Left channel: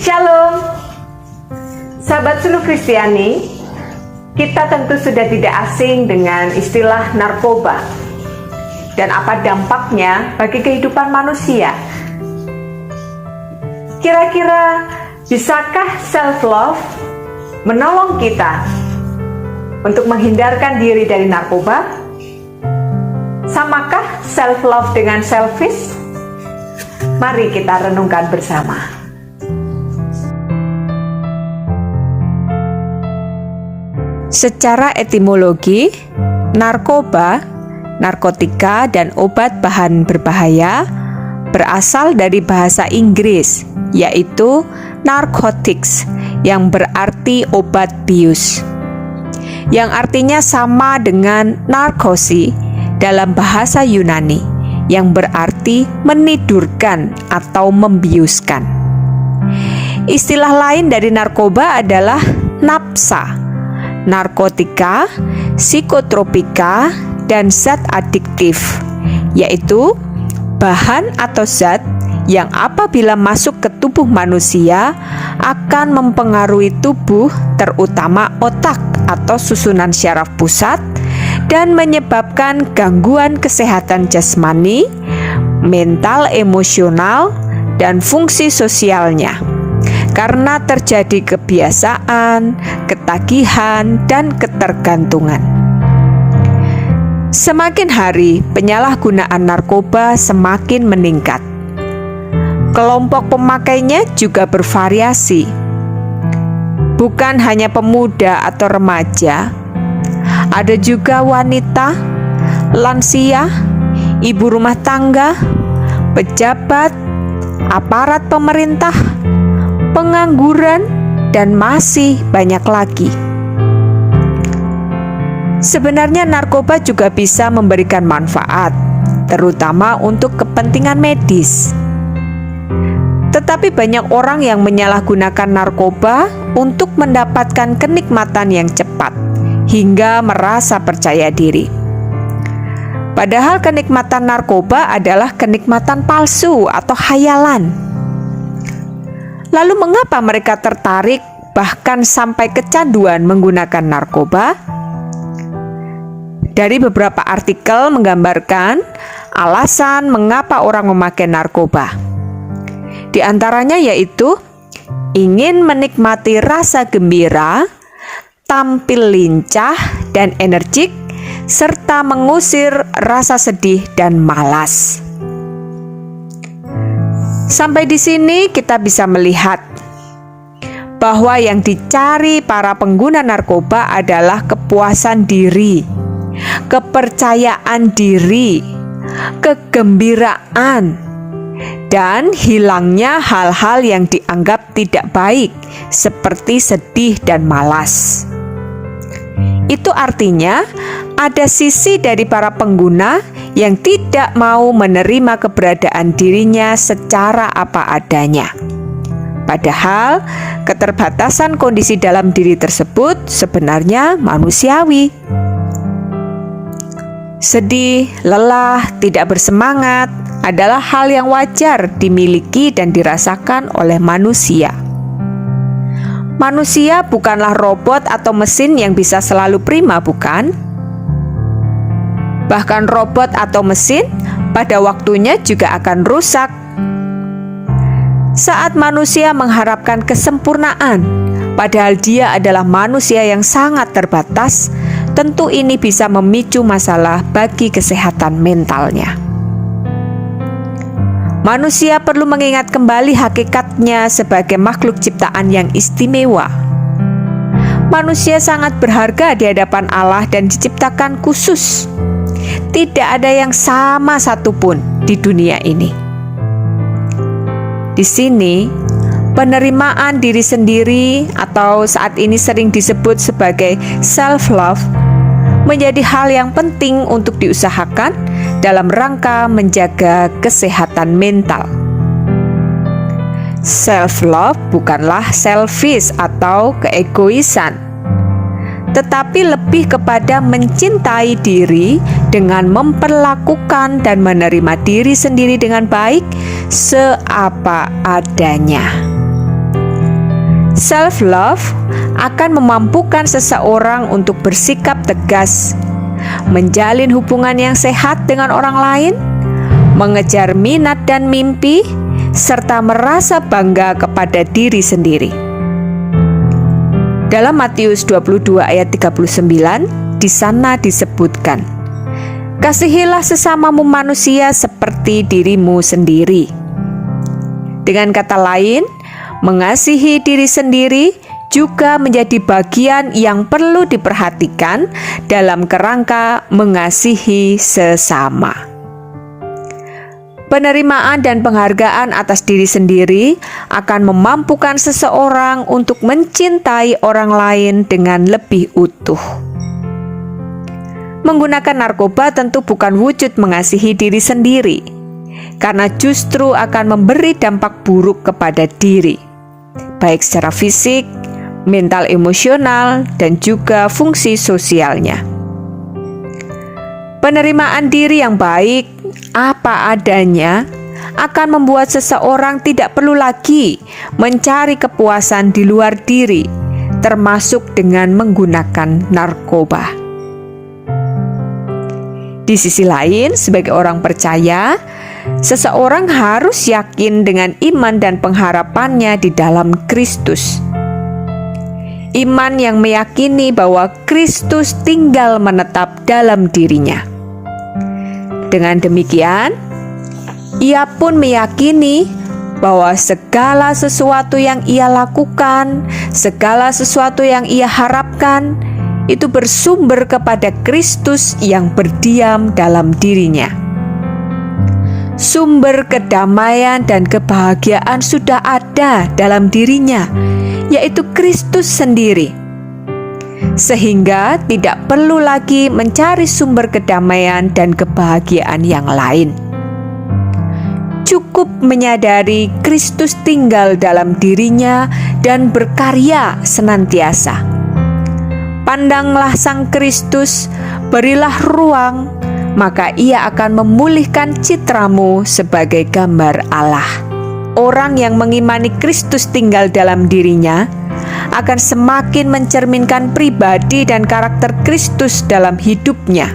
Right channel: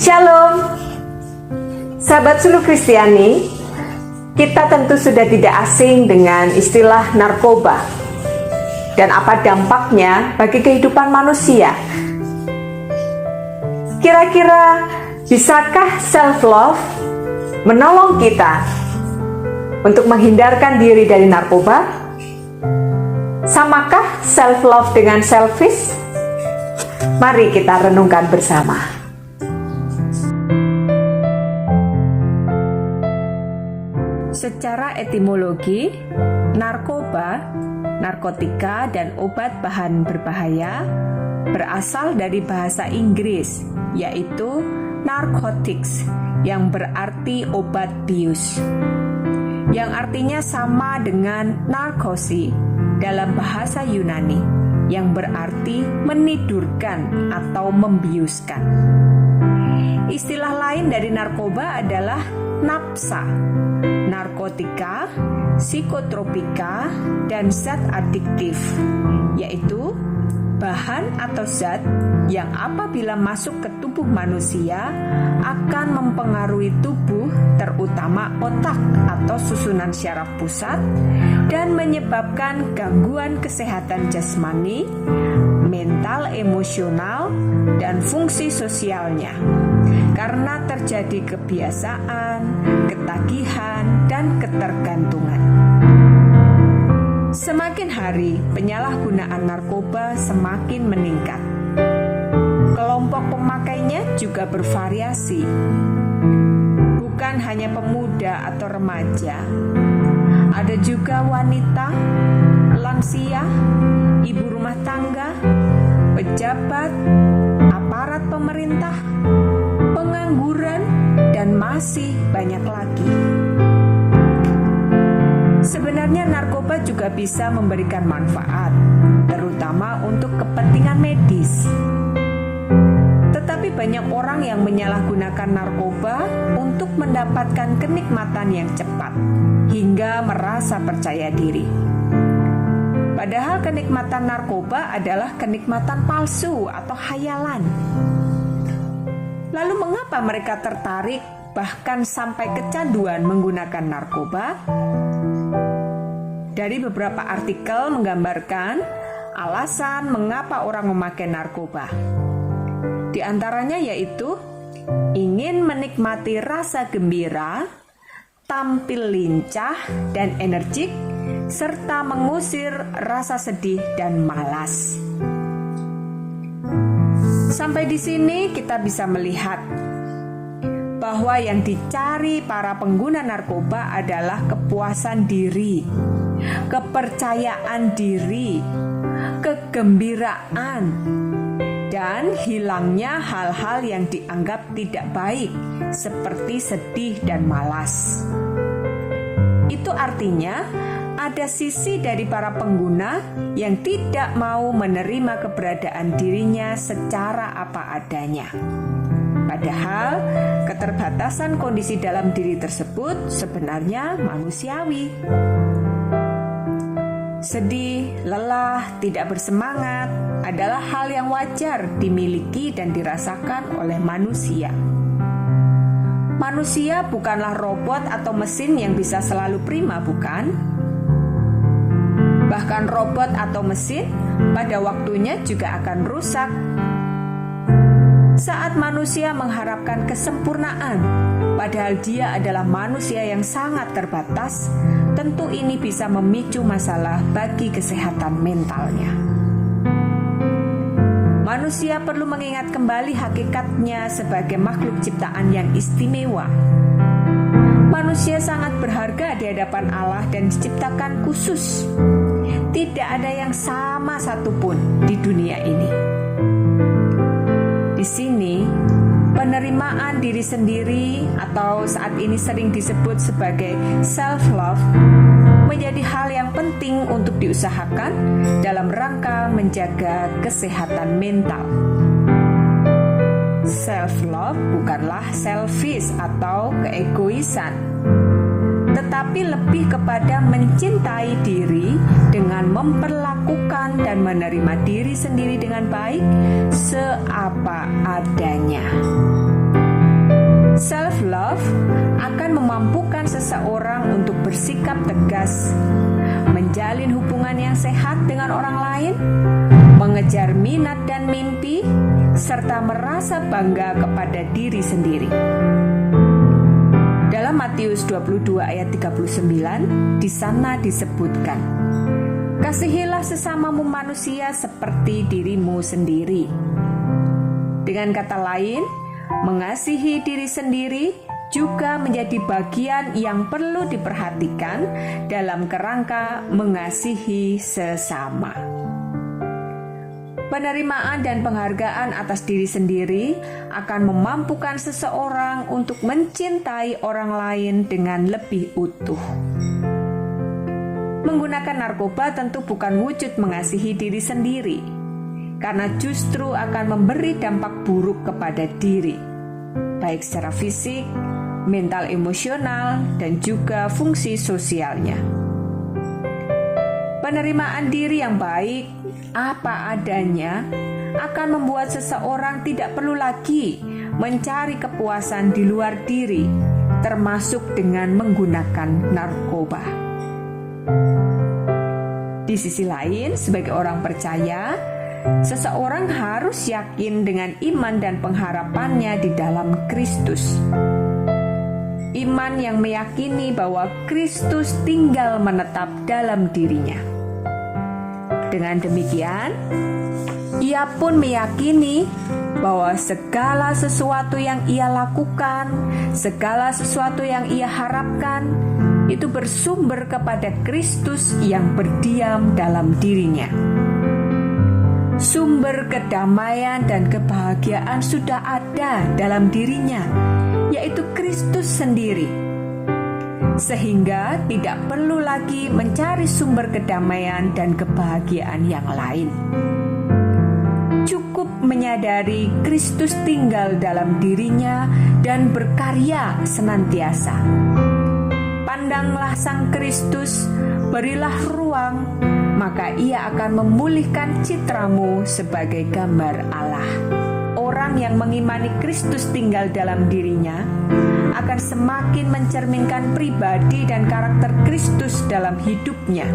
Shalom, sahabat Suluh Kristiani. Kita tentu sudah tidak asing dengan istilah narkoba dan apa dampaknya bagi kehidupan manusia. Kira-kira bisakah self-love menolong kita untuk menghindarkan diri dari narkoba? Samakah self-love dengan selfish? Mari kita renungkan bersama. Secara etimologi, narkoba, narkotika, dan obat bahan berbahaya berasal dari bahasa Inggris, yaitu narcotics, yang berarti obat bius, yang artinya sama dengan narkosi dalam bahasa Yunani, yang berarti menidurkan atau membiuskan. Istilah lain dari narkoba adalah napsa, narkotika, psikotropika, dan zat adiktif, yaitu bahan atau zat yang apabila masuk ke tubuh manusia akan mempengaruhi tubuh, terutama otak atau susunan syaraf pusat, dan menyebabkan gangguan kesehatan jasmani, mental, emosional, dan fungsi sosialnya. Karena terjadi kebiasaan, ketagihan, dan ketergantungan. Semakin hari, penyalahgunaan narkoba semakin meningkat. Kelompok pemakainya juga bervariasi. Bukan hanya pemuda atau remaja, ada juga wanita, lansia, ibu rumah tangga, pejabat, aparat pemerintah, pengangguran, dan masih banyak lagi. Sebenarnya narkoba juga bisa memberikan manfaat, terutama untuk kepentingan medis. Tetapi banyak orang yang menyalahgunakan narkoba untuk mendapatkan kenikmatan yang cepat, hingga merasa percaya diri. Padahal kenikmatan narkoba adalah kenikmatan palsu atau khayalan. Lalu mengapa mereka tertarik bahkan sampai kecanduan menggunakan narkoba? Dari beberapa artikel menggambarkan alasan mengapa orang memakai narkoba. Di antaranya yaitu ingin menikmati rasa gembira, tampil lincah dan energik, serta mengusir rasa sedih dan malas. Sampai di sini kita bisa melihat bahwa yang dicari para pengguna narkoba adalah kepuasan diri, kepercayaan diri, kegembiraan, dan hilangnya hal-hal yang dianggap tidak baik seperti sedih dan malas. Itu artinya ada sisi dari para pengguna yang tidak mau menerima keberadaan dirinya secara apa adanya. Padahal keterbatasan kondisi dalam diri tersebut sebenarnya manusiawi. Sedih, lelah, tidak bersemangat adalah hal yang wajar dimiliki dan dirasakan oleh manusia. Manusia bukanlah robot atau mesin yang bisa selalu prima, bukan? Bahkan robot atau mesin pada waktunya juga akan rusak. Saat manusia mengharapkan kesempurnaan, padahal dia adalah manusia yang sangat terbatas, tentu ini bisa memicu masalah bagi kesehatan mentalnya. Manusia perlu mengingat kembali hakikatnya sebagai makhluk ciptaan yang istimewa. Manusia sangat berharga di hadapan Allah dan diciptakan khusus. Tidak ada yang sama satupun di dunia ini. Di sini, penerimaan diri sendiri atau saat ini sering disebut sebagai self-love menjadi hal yang penting untuk diusahakan dalam rangka menjaga kesehatan mental. Self-love bukanlah selfish atau keegoisan, tetapi lebih kepada mencintai diri dengan memperlakukan dan menerima diri sendiri dengan baik seapa adanya. Self-love akan memampukan seseorang untuk bersikap tegas, menjalin hubungan yang sehat dengan orang lain, mengejar minat dan mimpi, serta merasa bangga kepada diri sendiri. Dalam Matius 22 ayat 39, di sana disebutkan, "Kasihilah sesamamu manusia seperti dirimu sendiri." Dengan kata lain, mengasihi diri sendiri juga menjadi bagian yang perlu diperhatikan dalam kerangka mengasihi sesama. Penerimaan dan penghargaan atas diri sendiri akan memampukan seseorang untuk mencintai orang lain dengan lebih utuh. Menggunakan narkoba tentu bukan wujud mengasihi diri sendiri, karena justru akan memberi dampak buruk kepada diri, baik secara fisik, mental, emosional, dan juga fungsi sosialnya. Penerimaan diri yang baik apa adanya akan membuat seseorang tidak perlu lagi mencari kepuasan di luar diri, termasuk dengan menggunakan narkoba. Di sisi lain, sebagai orang percaya, seseorang harus yakin dengan iman dan pengharapannya di dalam Kristus. Iman yang meyakini bahwa Kristus tinggal menetap dalam dirinya. Dengan demikian, ia pun meyakini bahwa segala sesuatu yang ia lakukan, segala sesuatu yang ia harapkan, itu bersumber kepada Kristus yang berdiam dalam dirinya. Sumber kedamaian dan kebahagiaan sudah ada dalam dirinya, yaitu Kristus sendiri. Sehingga tidak perlu lagi mencari sumber kedamaian dan kebahagiaan yang lain. Cukup menyadari Kristus tinggal dalam dirinya dan berkarya senantiasa. Pandanglah Sang Kristus, berilah ruang, maka ia akan memulihkan citramu sebagai gambar Allah. Orang yang mengimani Kristus tinggal dalam dirinya akan semakin mencerminkan pribadi dan karakter Kristus dalam hidupnya.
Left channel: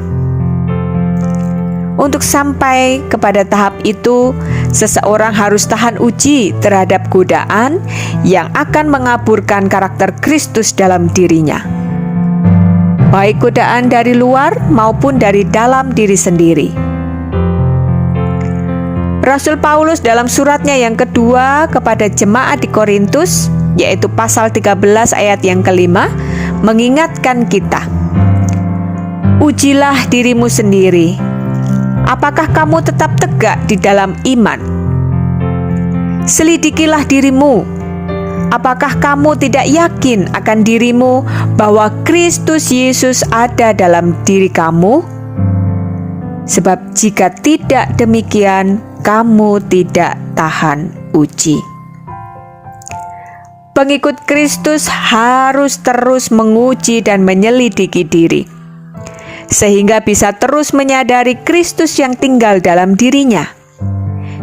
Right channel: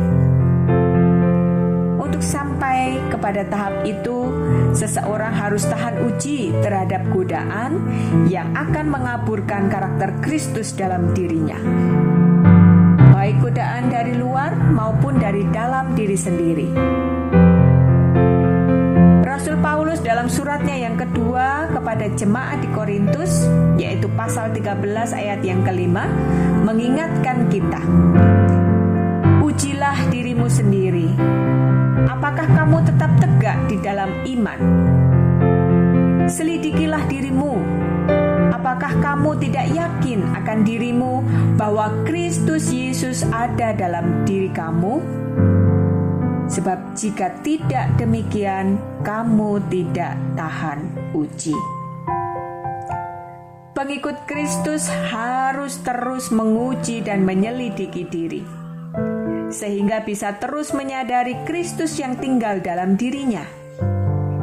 Untuk sampai kepada tahap itu, seseorang harus tahan uji terhadap godaan yang akan mengaburkan karakter Kristus dalam dirinya, baik godaan dari luar maupun dari dalam diri sendiri. Rasul Paulus dalam suratnya yang kedua kepada jemaat di Korintus, yaitu pasal 13 ayat yang kelima, mengingatkan kita, "Ujilah dirimu sendiri, apakah kamu tetap tegak di dalam iman? Selidikilah dirimu, apakah kamu tidak yakin akan dirimu bahwa Kristus Yesus ada dalam diri kamu? Sebab jika tidak demikian, kamu tidak tahan uji." Pengikut Kristus harus terus menguji dan menyelidiki diri, sehingga bisa terus menyadari Kristus yang tinggal dalam dirinya,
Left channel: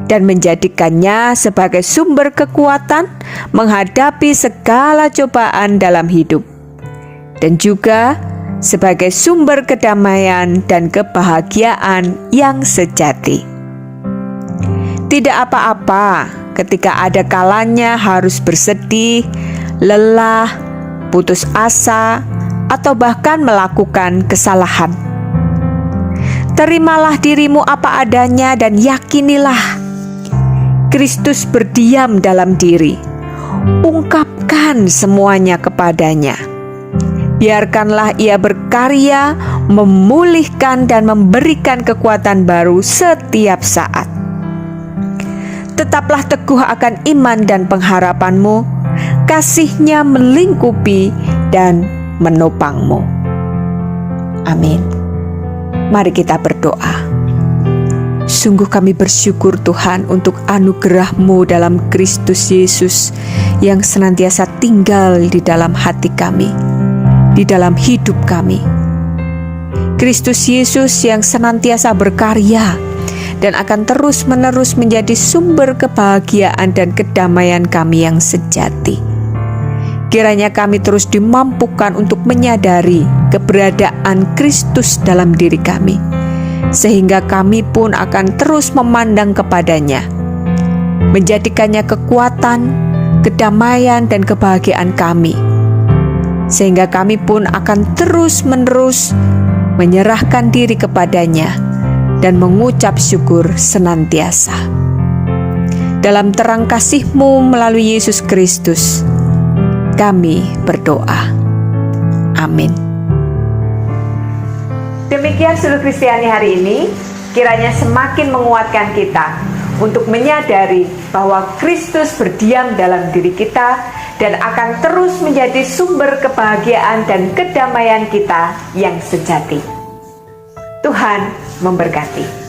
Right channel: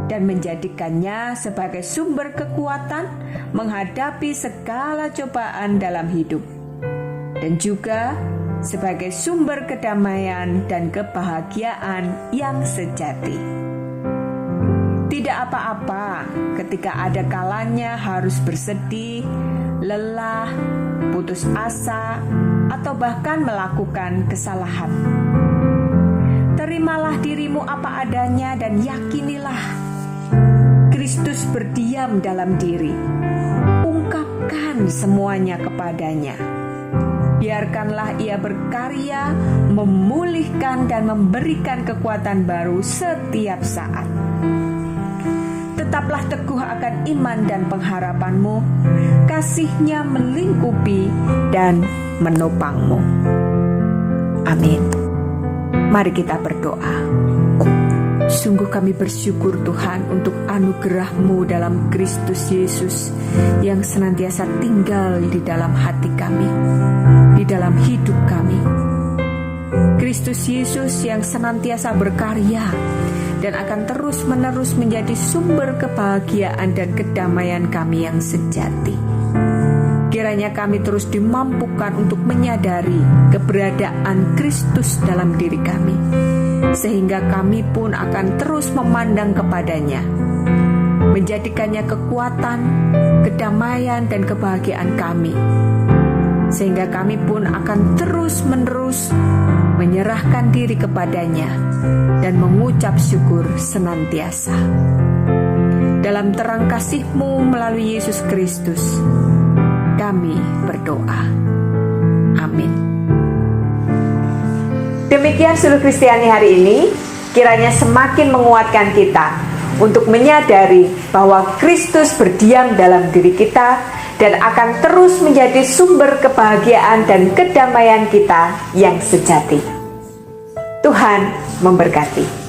dan menjadikannya sebagai sumber kekuatan menghadapi segala cobaan dalam hidup, dan juga sebagai sumber kedamaian dan kebahagiaan yang sejati. Tidak apa-apa ketika ada kalanya harus bersedih, lelah, putus asa, atau bahkan melakukan kesalahan. Terimalah dirimu apa adanya dan yakinilah Kristus berdiam dalam diri. Ungkapkan semuanya kepadanya. Biarkanlah ia berkarya, memulihkan dan memberikan kekuatan baru setiap saat. Tetaplah teguh akan iman dan pengharapanmu, kasih-Nya melingkupi dan menopangmu. Amin. Mari kita berdoa. Sungguh kami bersyukur Tuhan untuk anugerah-Mu dalam Kristus Yesus yang senantiasa tinggal di dalam hati kami, di dalam hidup kami. Kristus Yesus yang senantiasa berkarya dan akan terus-menerus menjadi sumber kebahagiaan dan kedamaian kami yang sejati. Kiranya kami terus dimampukan untuk menyadari keberadaan Kristus dalam diri kami, sehingga kami pun akan terus memandang kepadanya, menjadikannya kekuatan, kedamaian, dan kebahagiaan kami, sehingga kami pun akan terus-menerus menyerahkan diri kepadanya dan mengucap syukur senantiasa. Dalam terang kasih-Mu melalui Yesus Kristus, kami berdoa. Amin. Demikian Suluh Kristiani hari ini, kiranya semakin menguatkan kita untuk menyadari bahwa Kristus berdiam dalam diri kita dan akan terus menjadi sumber kebahagiaan dan kedamaian kita yang sejati. Tuhan memberkati.